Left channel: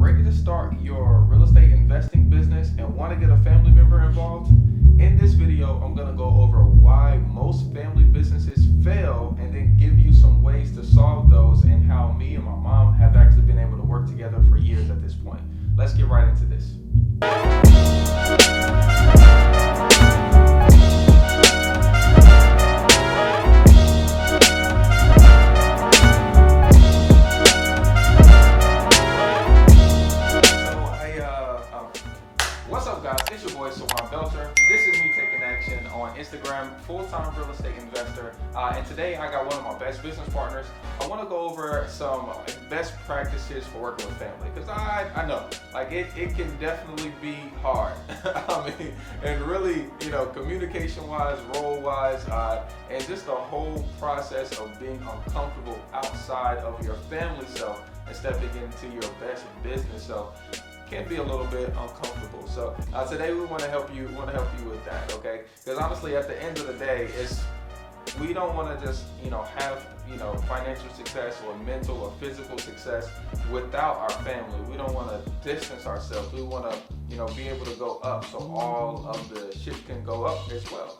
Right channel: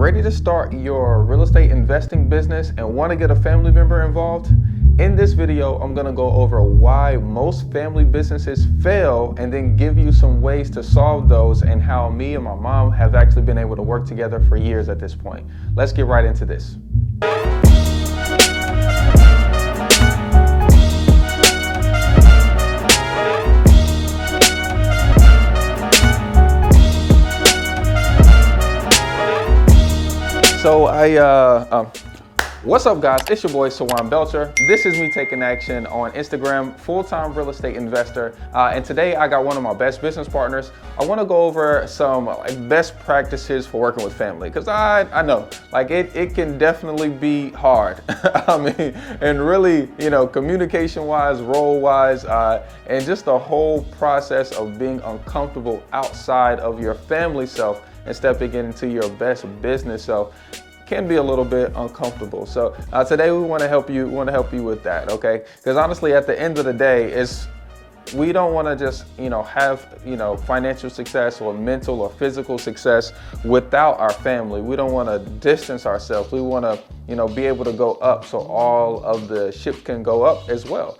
ready to start your real estate investing business and want to get a family member involved? In this video, I'm going to go over why most family businesses fail and then give you some ways to solve those and how me and my mom have actually been able to work together for years at this point. Let's get right into this. What's up, guys? It's your boy Sawan Belcher. This is me taking action on Instagram, full-time real estate investor. And today I got one of my best business partners. I want to go over some best practices for working with family, because I know it can definitely be hard. I mean, and really, communication-wise, role-wise, and just the whole process of being uncomfortable outside of your family self and stepping into your best business self can be a little bit uncomfortable. So today we want to help you. With that, okay? Because honestly, at the end of the day, we don't want to just have financial success or mental or physical success without our family. We don't want to distance ourselves. We want to be able to go up so all of the ship can go up as well.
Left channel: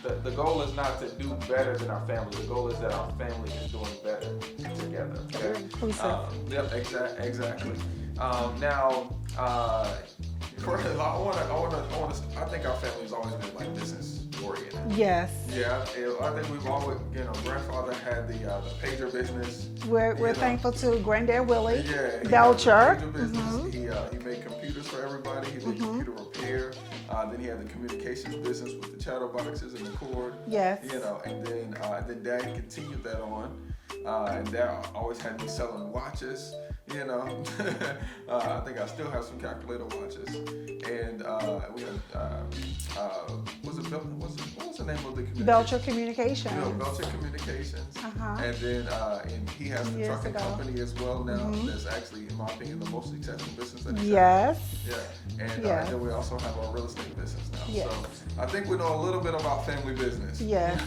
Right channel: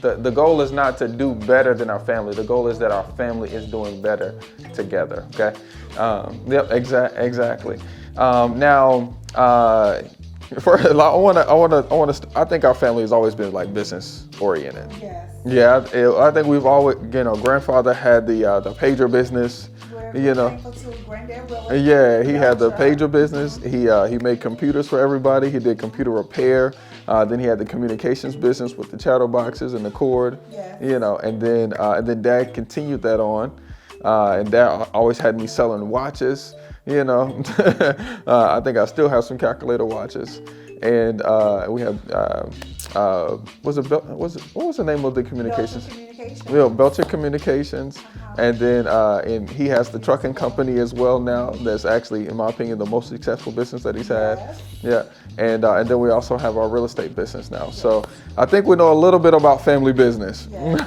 The goal is not to do better than our family. The goal is that our family is doing better together. Okay. Yep. Exactly. I think our family has always been business oriented. Yes. Yeah. I think we've always, grandfather had the pager business. We're thankful to Granddad Willard. Yeah, he had the Belcher. pager business. He made computers for everybody. He did computer repair. Then he had the communications business with the chattel boxes and the cord. Yes. And then Dad continued that on. And Dad always had me selling watches. I think I still have some calculator watches. And we had what was the name of the communications? Belcher Communications. Yeah, Belcher Communications. And then and he has the trucking company as well now. That's actually, in my opinion, the most successful business that he's had. Yeah. And then we also have our real estate business now. Yes. So I think we know a little bit about family business. Yes.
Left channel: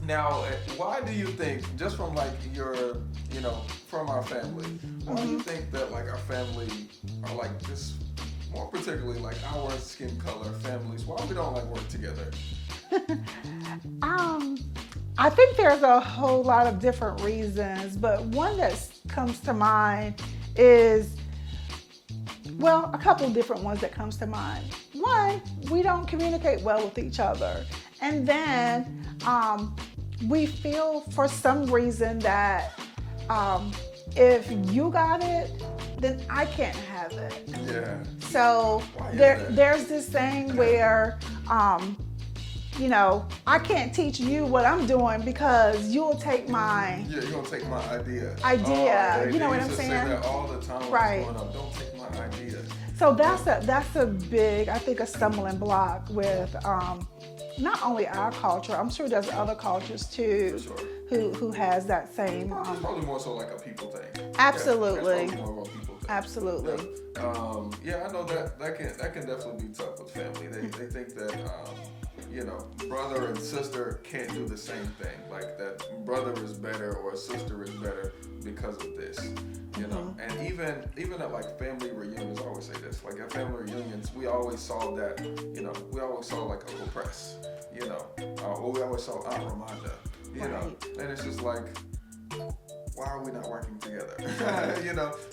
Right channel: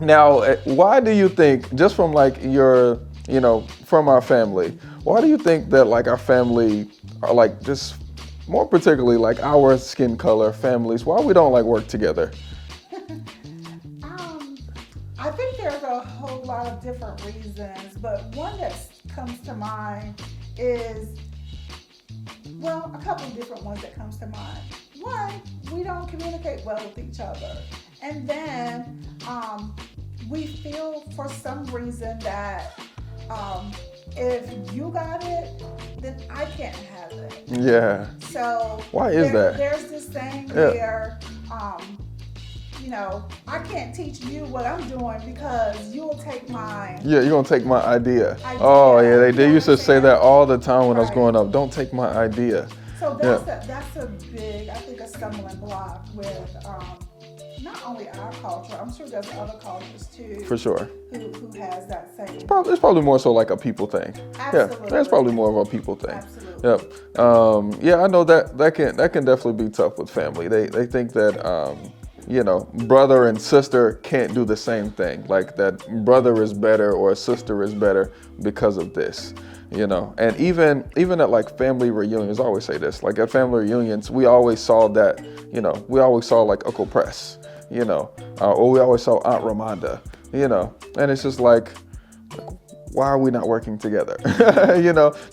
Now, why do you think, just from your from our family, why do you think that our family are just more particularly our skin color families, why we don't work together? I think there's a whole lot of different reasons, but one that comes to mind is, a couple of different ones that comes to mind. One, we don't communicate well with each other. And then we feel for some reason that if you got it, then I can't have it. Yeah. So why is that? There's this thing where, I can't teach you what I'm doing because you'll take my. Yeah, you're gonna take my idea. Oh yeah, they used to say that all the time when I was Right. growing up. Don't take my idea. So that's a big, I think, a stumbling block with not only our culture. I'm sure there's other cultures too. For sure. Who has that same. It's probably more so a people thing. Absolutely. Yeah, that's probably more of a people thing. Absolutely. Yep. I know that can definitely be tough with family. They think that brother and sister can't do the same thing. That brother is better or a sister is better because of this. And even at family reunions, I always say this, at family reunions, we always saw that, we always saw Uncle Press, or we always saw Aunt Ramonda, and it's just why are we not working together?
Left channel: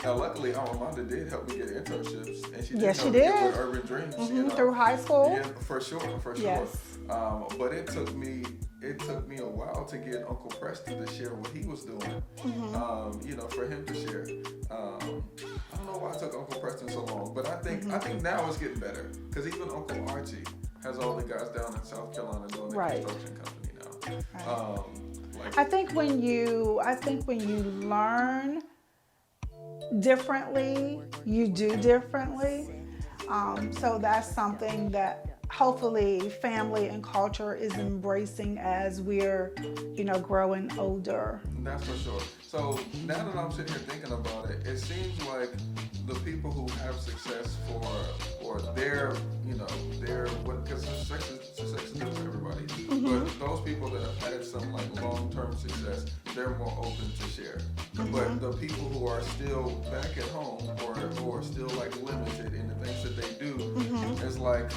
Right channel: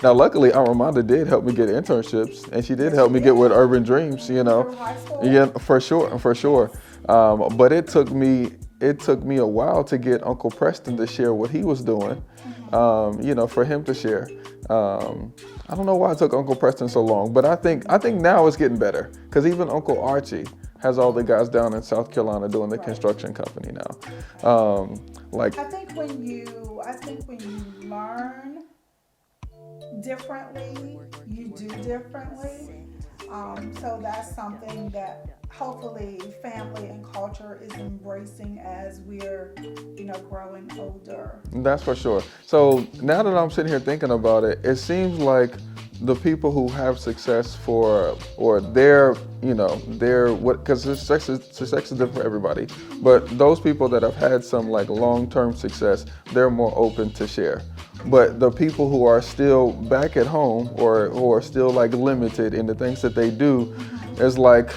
Now luckily Aunt Ramonda did help me get internships, and she did help me get with Urban Dreams, Through high school? Yeah, for sure. Yes. But it took me a while to get Uncle Preston to share what he was doing. For him to share. I don't know why it took Uncle Preston so long, but I think now it's getting better, because even Uncle Archie has all the guys down in South Carolina doing the construction company now. I think when you learn differently, you do differently. So that's something that hopefully family and culture is embracing as we're, growing older. That's for sure. So now that I'm sitting here thinking about it, it seems like the people who have success because success is different for everybody, but those people that have had some long-term success, they're more open to share. But the people who are still back at home or who are still like limited in the things that they do is like,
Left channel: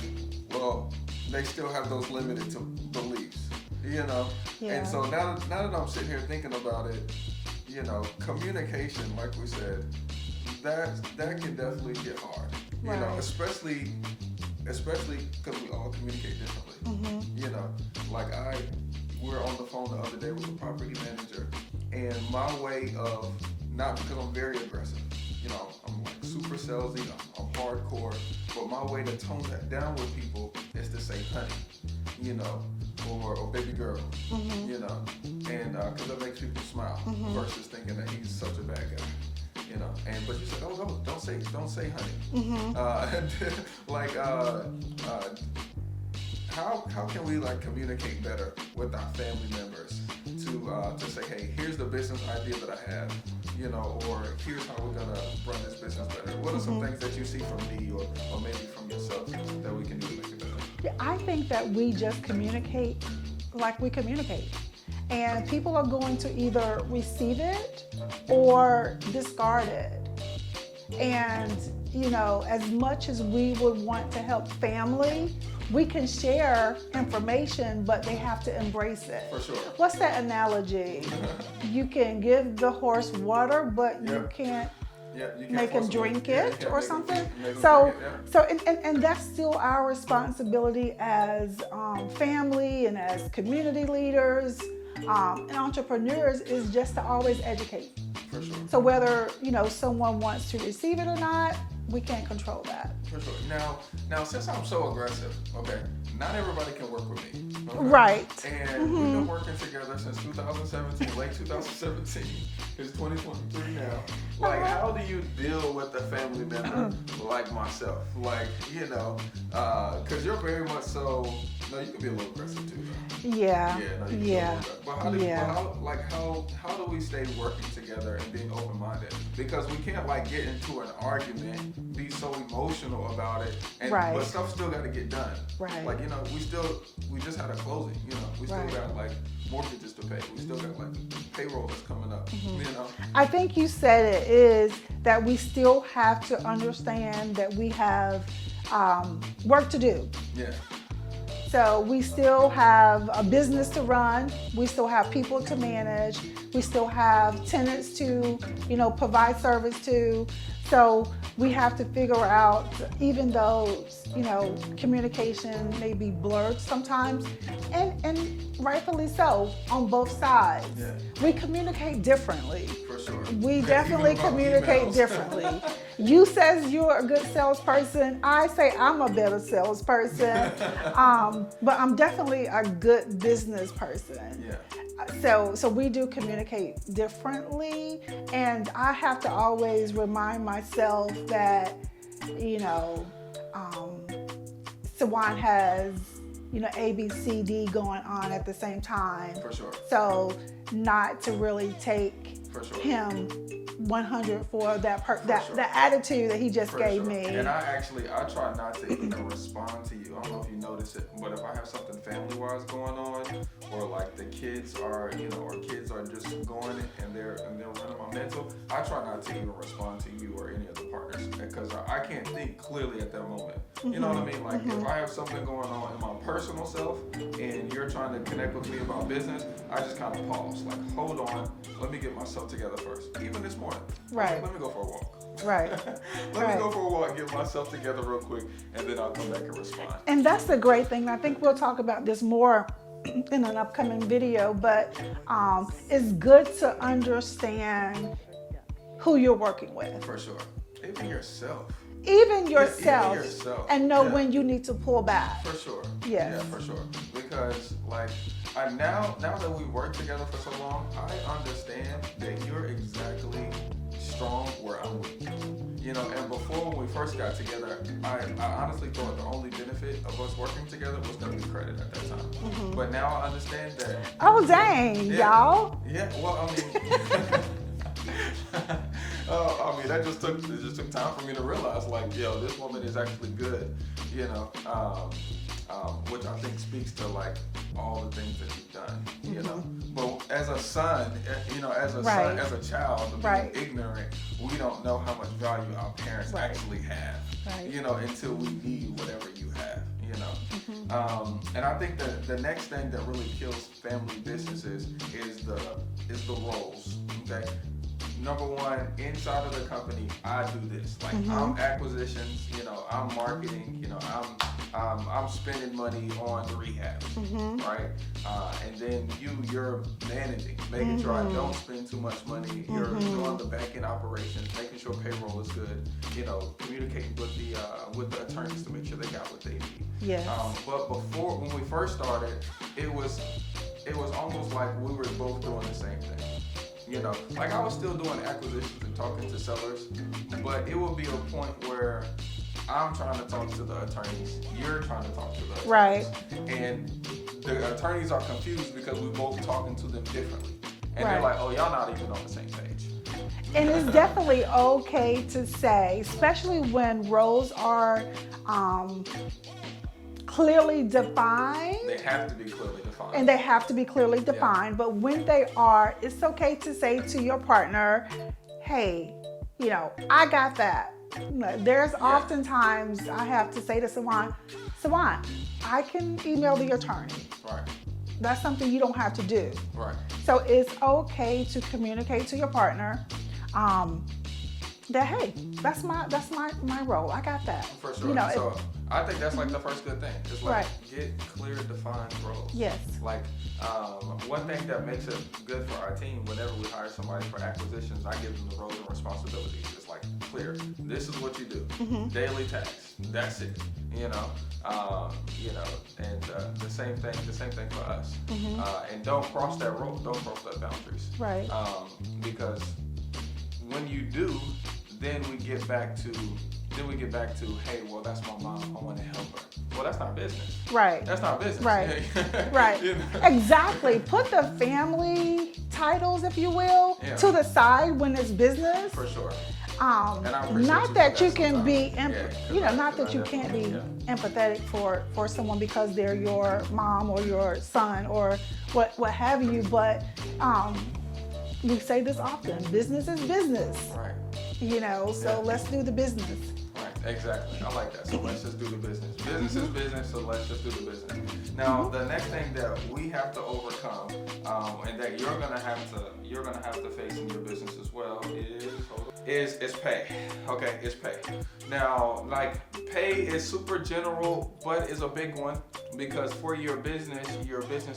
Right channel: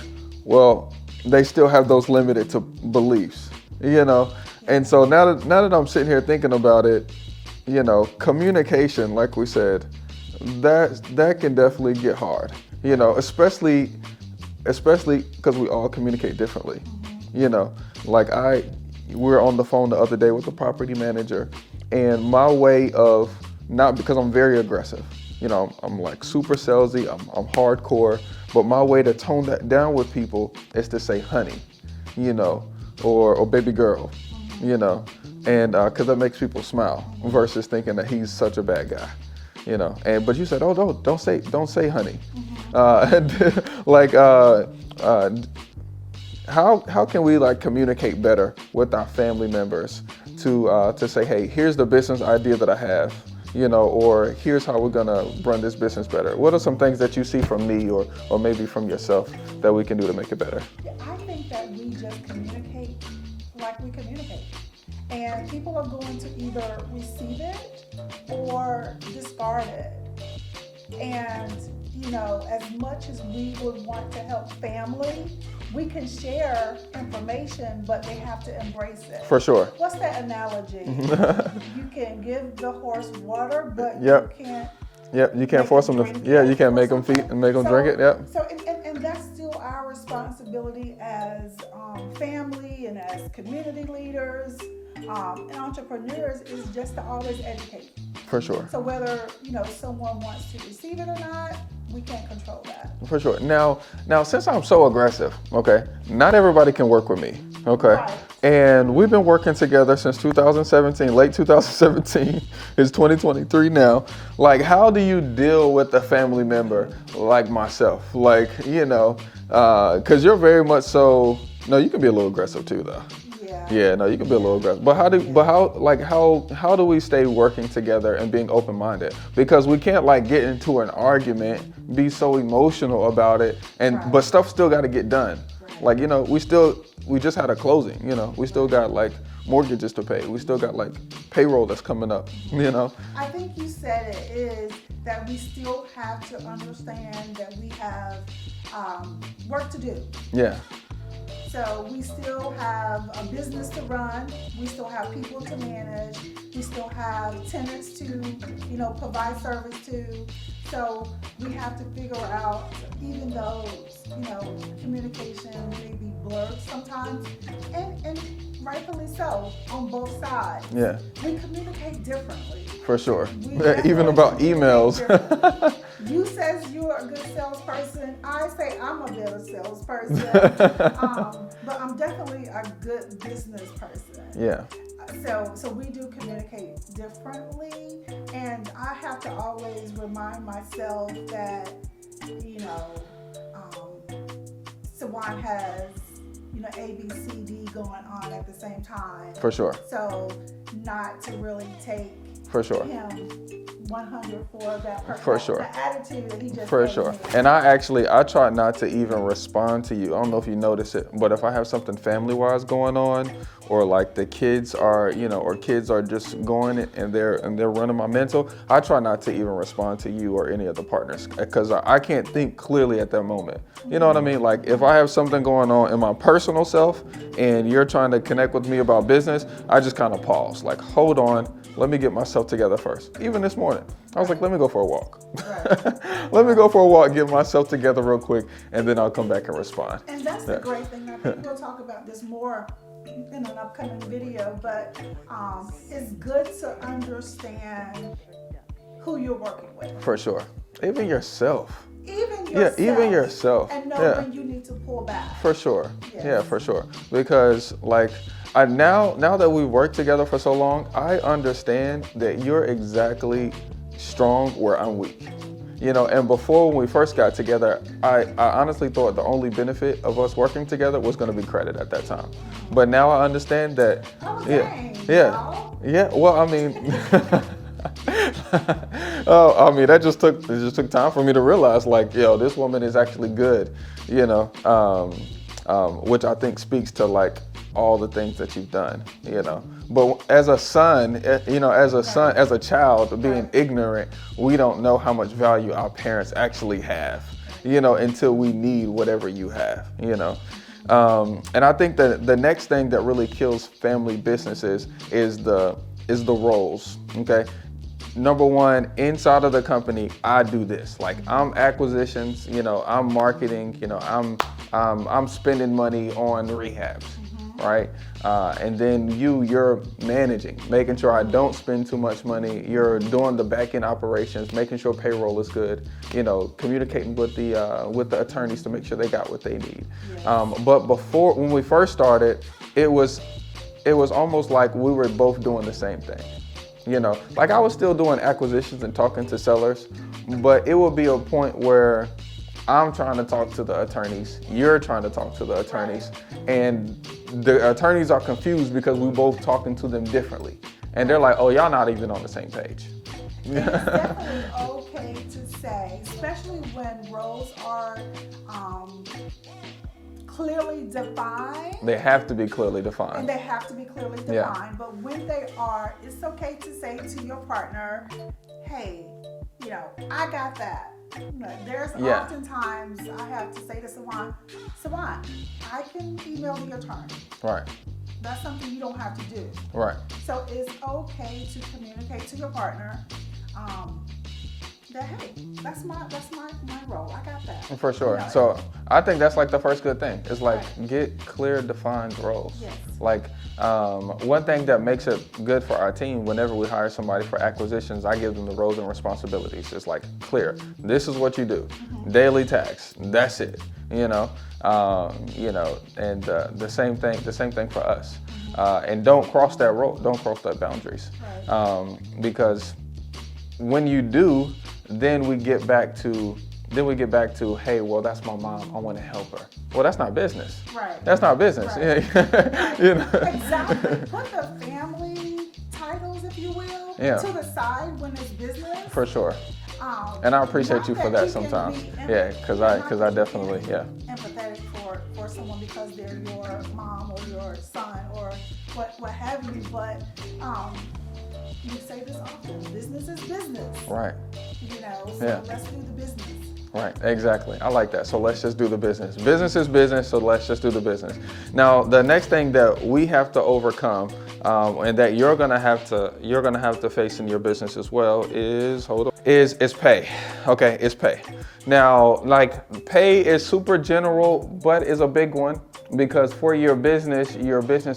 well, they still have those limited to beliefs, you know? And so now that I'm sitting here thinking about it, you know, communication, like we said, that can definitely get hard, you know, especially because we all communicate differently, you know, like we were on the phone the other day with the property manager, and my way of, not because I'm very aggressive, you know, I'm like super salesy, I'm hardcore, but my way to tone that down with people is to say honey, you know, or baby girl, you know, and because that makes people smile versus thinking that he's such a bad guy, you know. And but you said, oh, don't say honey, how can we like communicate better with our family members to say, hey, here's the business idea that I have, you know, or here's how we're gonna run this business better. What are some things that you see from me or maybe from yourself that we can do to make it better? Yeah, I think that we just communicate like we communicate. And people are going to either receive it or discard it. And, you know, as much as we would want to help family, we can share information, but they have to embrace it. For sure. What's that analogy? You can give the horse water, but Yep. you can't. Yep, you can't force them to. Yeah, you can't make them feed and make them drink it. Yep. So and that's still our responsibility as family and as community leaders and entrepreneurs, is just to always educate. For sure. So whether, you know, someone wants to receive it or not, we can't control that. For sure. Now, since I'm so aggressive, okay, not everybody can work with me, okay? Right. And we've been working together since 2017, late 2017. It's 2023 now. Like, how do you deal with a family member like myself? Like, you know, because you're very much so. No, you can be a little aggressive too, though. Yeah. Yeah, no, you can be a little aggressive. But how do we stay working together and being open-minded? Because we can't like get into an argument, be so emotional about it, and Right. but stuff still got to get done. Right. Like, you know, we just had a closing. You know, we still got like mortgages to pay. We still got like payroll that's coming up. You know. I think you said it, is that we still have to understand that we have work to do. Yeah. So we still have a business to run. We still have people to manage. We still have tenants to, you know, provide service to. So we have to figure out, even though, you know, communication may be blurred sometimes, and rightfully so on both sides. Yeah. We communicate differently. For sure. We Yeah, even definitely about communicate emails. differently. You says you're a good salesperson. I say I'm a better salesperson. But I'm definitely a good business person. Yeah. So we do communicate differently, and I have to always remind myself that, you know, Sawan has, you know, A, B, C, D going on at the same time. For sure. So not to really take For sure. him 100 for that For sure. the attitude that he just For gave sure. me. And I try not to even respond to you. I don't know if you notice it, but if I have something family-wise going on, or like the kids are, you know, or kids are just going and they're running my mental, I try not to even respond to you or any of the partners, because I can't think clearly at that moment. You know what I mean? Like, if I have something going on in my personal self and you're trying to connect with me about business, I just kind of pause, like, hold on, let me get myself together first. Even this morning, I was like, let me go for a walk. Right. Let me go for a walk, get myself together real quick, and then I'll come back and respond. And that's the great thing. I think we'll talk about this more in an upcoming video, but it's good to understand who you're working with. For sure. Even yourself. Even yourself. Yeah, even yourself. And know Yeah. when you need to pull back. For sure. Yes. Yeah, for sure. Because like now that we've worked together for so long, I understand that you're exactly strong where I'm weak. You know, and before when we first got together, I honestly thought the only benefit of us working together was going to be credit at that time. But now I understand that. Oh, dang, y'all. Yeah. Well, I mean, oh, I mean, it just took time for me to realize, like, yo, this woman is actually good. You know. which I think speaks to like all the things that you've done, you know. But as a son, you know, as a son, as a child, being ignorant, we don't know how much value our parents actually have, you know, until we need whatever you have, you know. And I think that the next thing that really kills family businesses is the roles. Okay. Number one, inside of the company, I do this. Like I'm acquisitions, you know, I'm marketing, you know, I'm spending money on rehabs, right? And then you're managing, making sure I don't spend too much money. You're doing the back end operations, making sure payroll is good, you know, communicating with the attorneys to make sure they got what they need. Yes. But before, when we first started, it was almost like we were both doing the same thing. You know, like I was still doing acquisitions and talking to sellers, but it would be a point where I'm trying to talk to the attorneys, you're trying to talk to the attorneys, and the attorneys are confused because we both talking to them differently. And they're like, oh, y'all not even on the same page. And it's definitely okay to say, especially when roles are clearly defined. They have to be clearly defined. And they have to be clearly defined. Yeah. But when they are, it's okay to say to your partner, hey, you know, I got that. There's oftentimes I have to say to Sawan, I can email the attorney. Right. That's something you don't have to do. Right. So it's okay to communicate to your partner that, hey, that's my role. I got that. For sure. You know, So I think that's like the first good thing. It's like get clear, defined roles. Yes. Like one thing that makes it good for our team, whenever we hire somebody for acquisitions, I give them the roles and responsibilities. It's like clear. This is what you do. Daily tasks. That's it. You know. And the same thing for us. And don't cross that road. Don't cross that boundaries. Right. Because when you do, then we get back to, hey, well, that's my mom. I want to help her. Well, that's not business. Right. That's not business. Right. Right. You know? Exactly. Put the family titles, if you will, to the side when it's business. For sure. And I appreciate you for that sometimes. Because I definitely, empathetic for someone because they're your mom or your son or what have you. But we say this often: business is business. Right. You know, so let's do the business. Right, exactly. I like that. So let's just do the business. Business is business, so let's just do the business. Now, the next thing that we have to overcome, and that you're gonna have to face in your business as well is pay. Okay, it's pay. Now, like pay is super general, but is a big one because for your business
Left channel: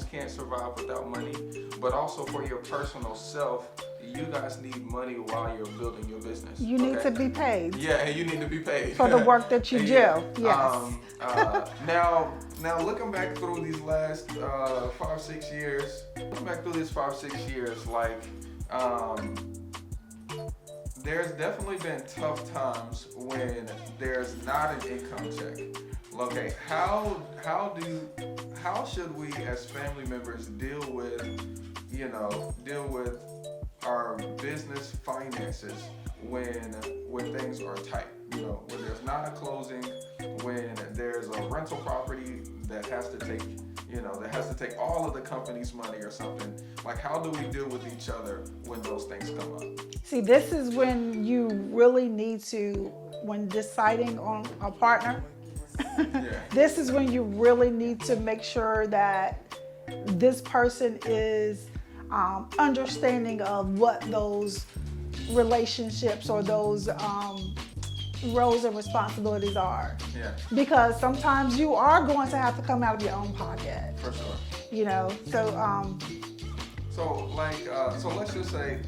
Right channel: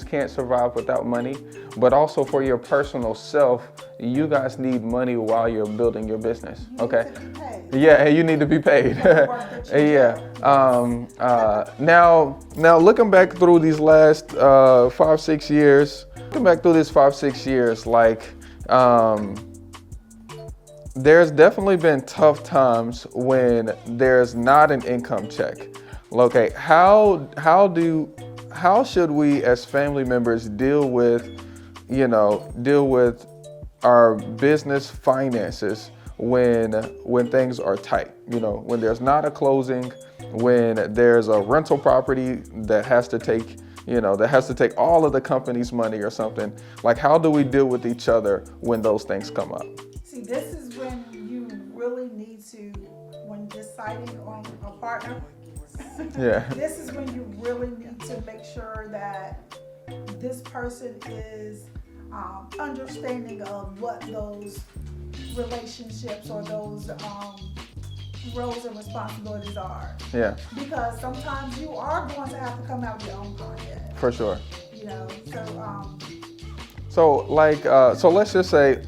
can't survive without money. But also for your personal self, you guys need money while you're building your business. You need to be paid. Yeah, and you need to be paid for the work that you do. Yes. Now looking back through these last 5-6 years, like there's definitely been tough times when there's not an income check. Okay, how should we as family members deal with our business finances when things are tight? You know, when there's not a closing, when there's a rental property that has to take all of the company's money or something. Like, how do we deal with each other when those things come up? See, this is when you really need to, when deciding on a partner, this is when you really need to make sure that this person is understanding of what those relationships or those roles and responsibilities are. Yeah. Because sometimes you are going to have to come out of your own pocket. For sure. You know, so let's just say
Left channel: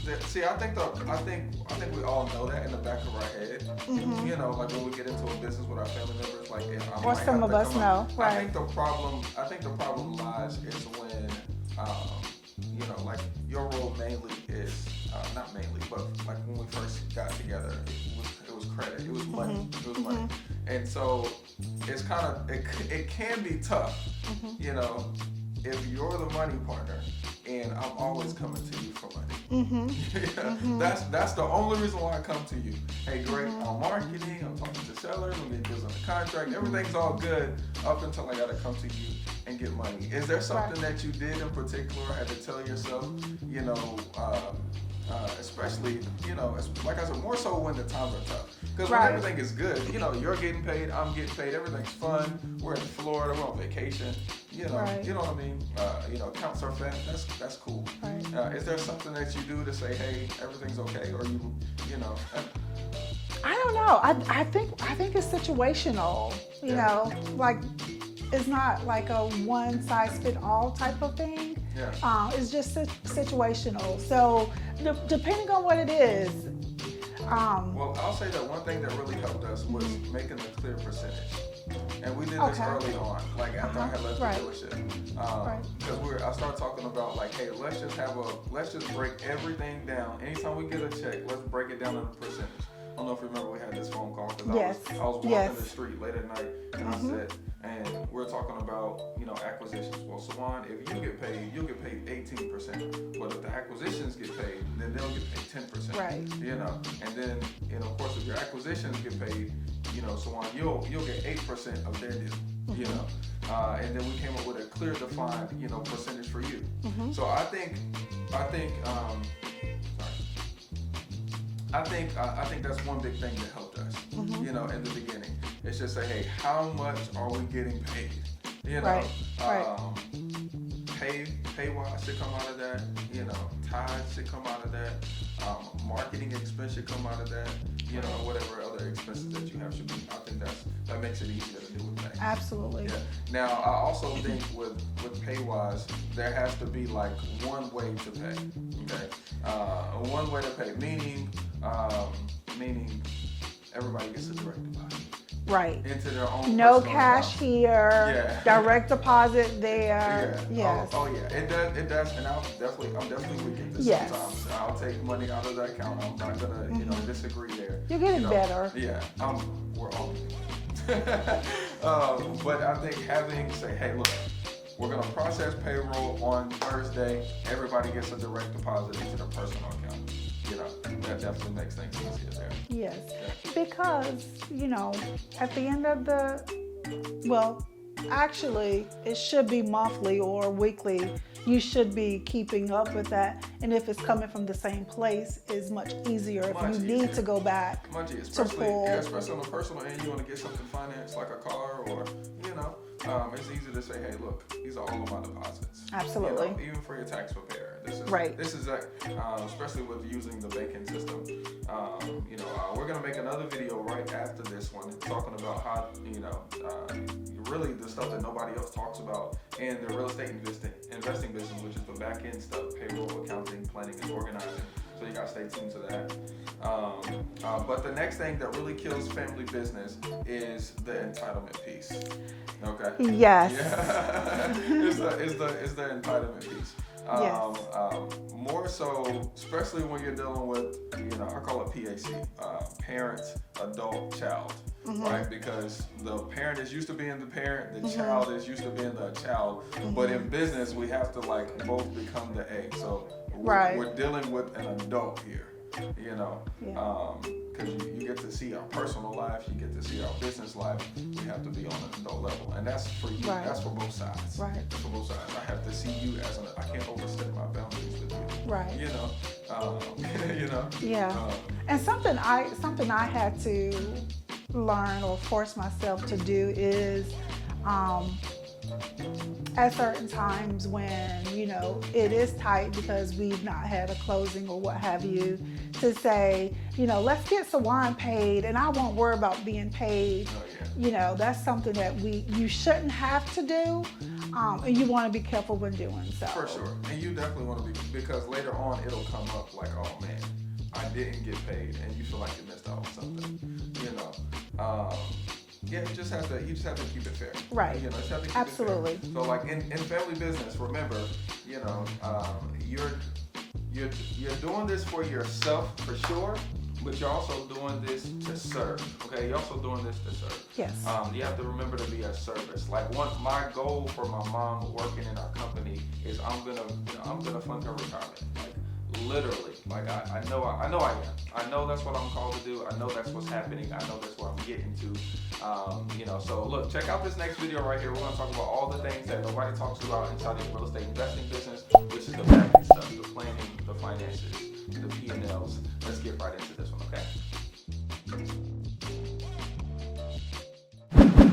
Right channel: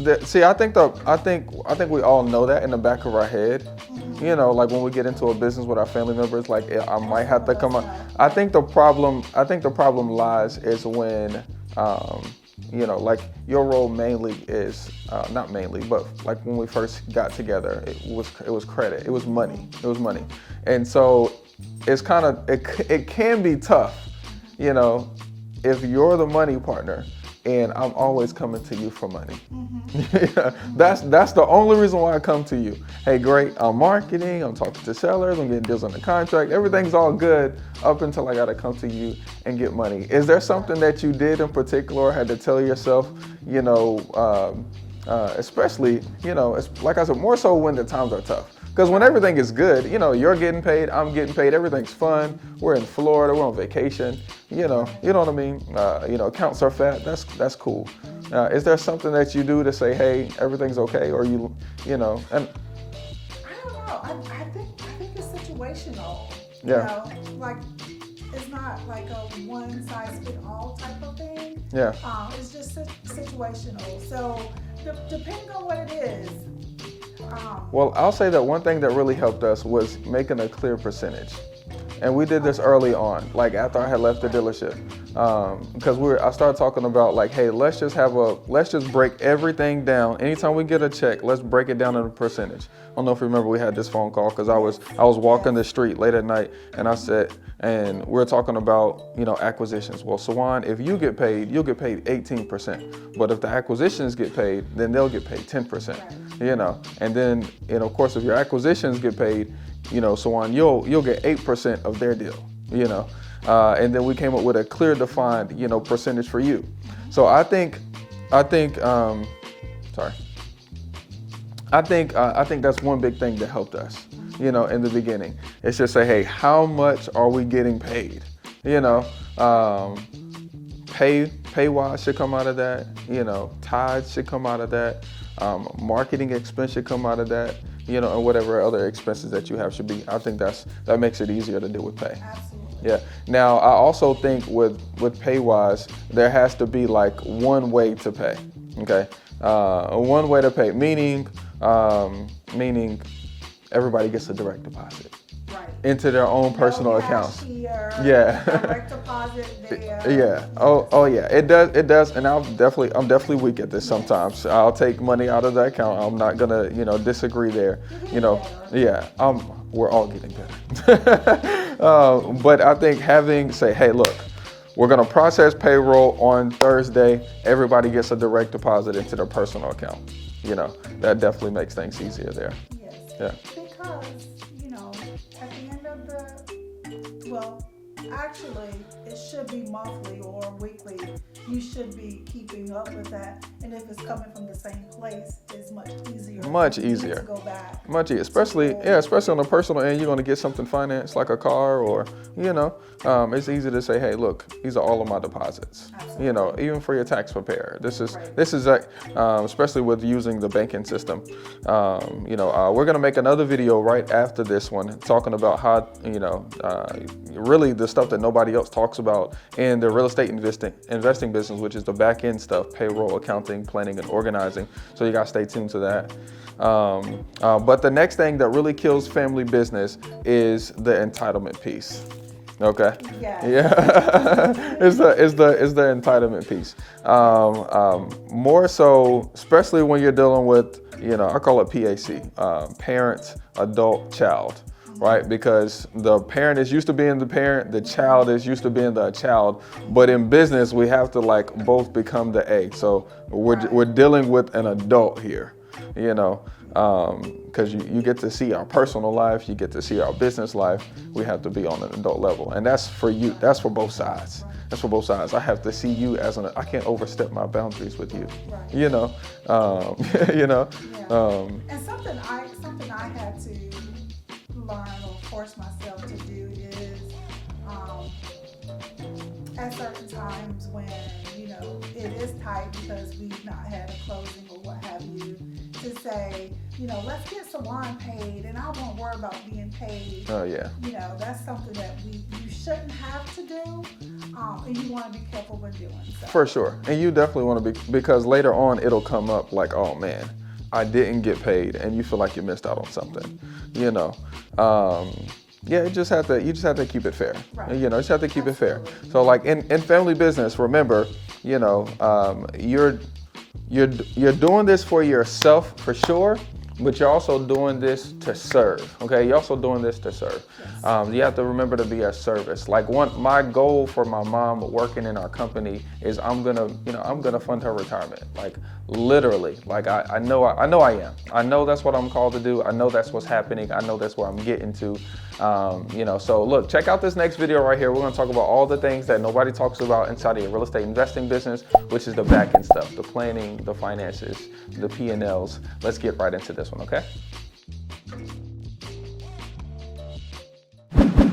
that, see, I think we all know that in the back of our head. You know, like when we get into a business with our family members, like I might have to come up. I think the problem lies is when like your role mainly is not mainly, but like when we first got together, it was credit, it was money, and so it's kind of it can be tough, you know, if you're the money partner and I'm always coming to you for money. That's the only reason why I come to you. Hey, great, I'm marketing, I'm talking to sellers, I'm getting deals on the contract, everything's all good up until I gotta come to you and get money. Is there something that you did in particular or had to tell yourself, especially, like I said, more so when the times are tough? Because when everything is good, you're getting paid, I'm getting paid, everything's fun. We're in Florida, we're on vacation. You know what I mean? Accounts are fat. That's cool. Is there something that you do to say, hey, everything's okay, or and I don't know. I think it's situational. You know, like it's not like a one size fit all type of thing. Yeah. It's just situational. So depending on what it is. Well, I'll say that one thing that really helped us was making a clear percentage. And we did this early on, like after I had left the dealership, because I started talking about like, hey, let's just break everything down. Anytime we get a check, let's break it down in a percentage. I don't know if you remember we had this phone call because I was walking the street late at night and we're talking about acquisitions. Well, Sawan, if you get paid, you'll get paid 18%. But if the acquisitions get paid, then they'll get paid 10%. Right. And then of course if your acquisitions get paid, Sawan, you'll get 8% of their deal. And then we came up with a clear defined percentage for you. So I think that's one big thing that helped us, in the beginning. It's just say, hey, how much are we getting paid? Pay-wise should come out of that. Tithes should come out of that. Marketing expense should come out of that. And whatever other expenses that you have should be. I think that makes it easier to deal with pay. Absolutely. Yeah. Now, I also think with pay-wise, there has to be like one way to pay. Okay. One way to pay, meaning everybody gets a direct deposit. Right. Into their own personal account. No cashier. Direct deposit there. Yeah. Yes. Oh yeah. It does. And I'm definitely weak at this sometimes. I'll take money out of the account. I'm not gonna, disagree there. You're getting better. Yeah. We're all getting better. But I think say, hey, look, we're gonna process payroll on Thursday. Everybody gets a direct deposit into their personal account. That definitely makes things easier there. Yes. Yeah. Because, at the end of actually, it should be monthly or weekly. You should be keeping up with that. And if it's coming from the same place, it's much easier. Much you easier. Need to go back. Much easier. Especially on the personal end, you're going to get something financed like a car or, it's easy to say, hey, look, these are all of my deposits. Absolutely. Even for your tax preparer. This is right. Especially with using the banking system. We're going to make another video right after this one talking about how, really the stuff that nobody else talks about in the real estate investing business, which is the back end stuff, payroll, accounting, planning, and organizing. So you gotta stay tuned to that. But the next thing that really kills family business is the entitlement piece. Okay. Yes. Yeah. is the entitlement piece. More so, especially when you're dealing with, I call it PAC, parent, adult, child. Right, because the parent is used to being the parent, the child is used to being the child, but in business we have to both become the A. So we're dealing with an adult here, because you get to see our personal life, you get to see our business life. We have to be on an adult level, and that's for you. Right. That's for both sides. Right. That's for both sides. I have to see you as I can't overstep my boundaries with you. Right. Yeah. And something I had to learn or force myself to do is at certain times when it is tight because we've not had a closing or what have you, to say, let's get Sawan paid and I won't worry about being paid. Oh yeah. That's something that you shouldn't have to do, and you want to be careful when doing so. For sure. And you definitely want to be, because later on it'll come up like, oh man, I didn't get paid, and you feel like you missed out on something. You just have to keep it fair. Right. You just have to keep Absolutely. it fair. So like in family business, remember, you're doing this for yourself for sure, but you're also doing this to serve. Okay, you're also doing this to serve. Yes. You have to remember to be a service. Like my goal for my mom working in our company is I'm gonna fund her retirement. Like literally, like I know I am. I know that's what I'm called to do. I know that's what's happening. I know that's where I'm getting to. So look, check out this next video right here. We're gonna talk about all the things that nobody talks about inside of your real estate investing business, which is the back end stuff, the planning, the finances, the P&Ls. Let's get right into this one, okay?